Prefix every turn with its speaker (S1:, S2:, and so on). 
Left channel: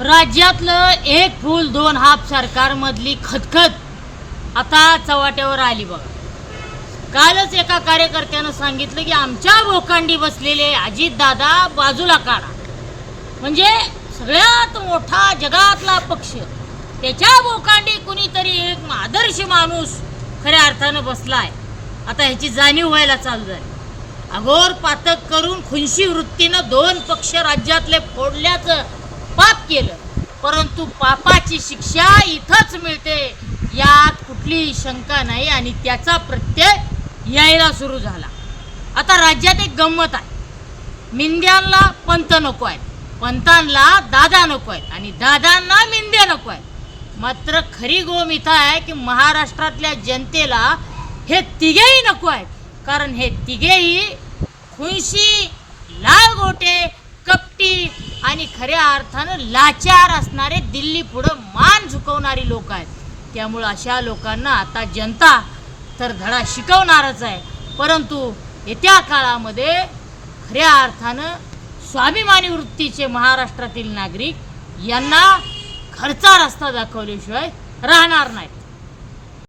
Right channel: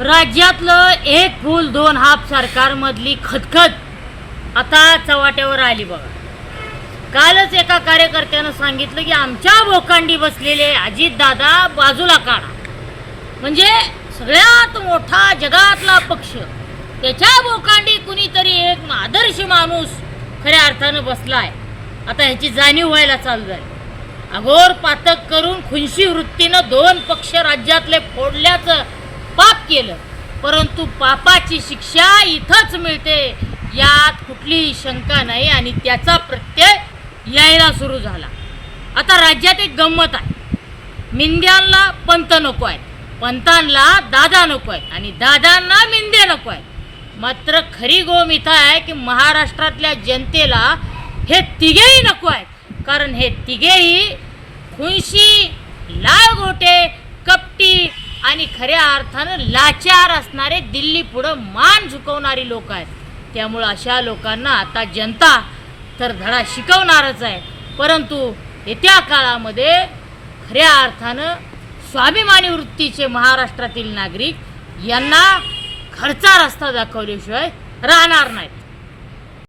S1: राज्यातलं एक फूल दोन हाफ सरकारमधली खतखत आता चव्हाट्यावर आली बघा. कालच एका कार्यकर्त्यानं सांगितलं की आमच्या भोकांडी बसलेले अजितदादा बाजूला काढा. म्हणजे सगळ्यात मोठा जगातला पक्ष त्याच्या भोकांडी कुणीतरी एक आदर्श माणूस खऱ्या अर्थानं बसलाय. आता ह्याची जाणीव व्हायला चालू झाली. अघोर पातक करून खुनशी वृत्तीनं दोन पक्ष राज्यातले फोडल्याचं पाप केलं. परंतु पापाची शिक्षा इथंच मिळते. यात कुठलीही शंका नाही आणि त्याचा प्रत्यय यायला सुरू झाला. आता राज्यात एक गंमत आहे. मिंद्यांना पंत नको आहेत. पंतांना दादा नको आहेत आणि दादांना मिंद्या नको आहेत. मात्र खरी गोम इथं आहे की महाराष्ट्रातल्या जनतेला हे तिघेही नको आहेत. कारण हे तिघेही खुंशी लाल गोटे आणि खऱ्या अर्थानं लाचार असणारे दिल्ली पुढं मान झुकवणारी लोक आहेत. त्यामुळं अशा लोकांना आता जनता तर धडा शिकवणारच आहे. परंतु येत्या काळामध्ये खऱ्या अर्थानं स्वाभिमानी वृत्तीचे महाराष्ट्रातील नागरिक यांना खर्चा रस्ता दाखवल्याशिवाय राहणार नाही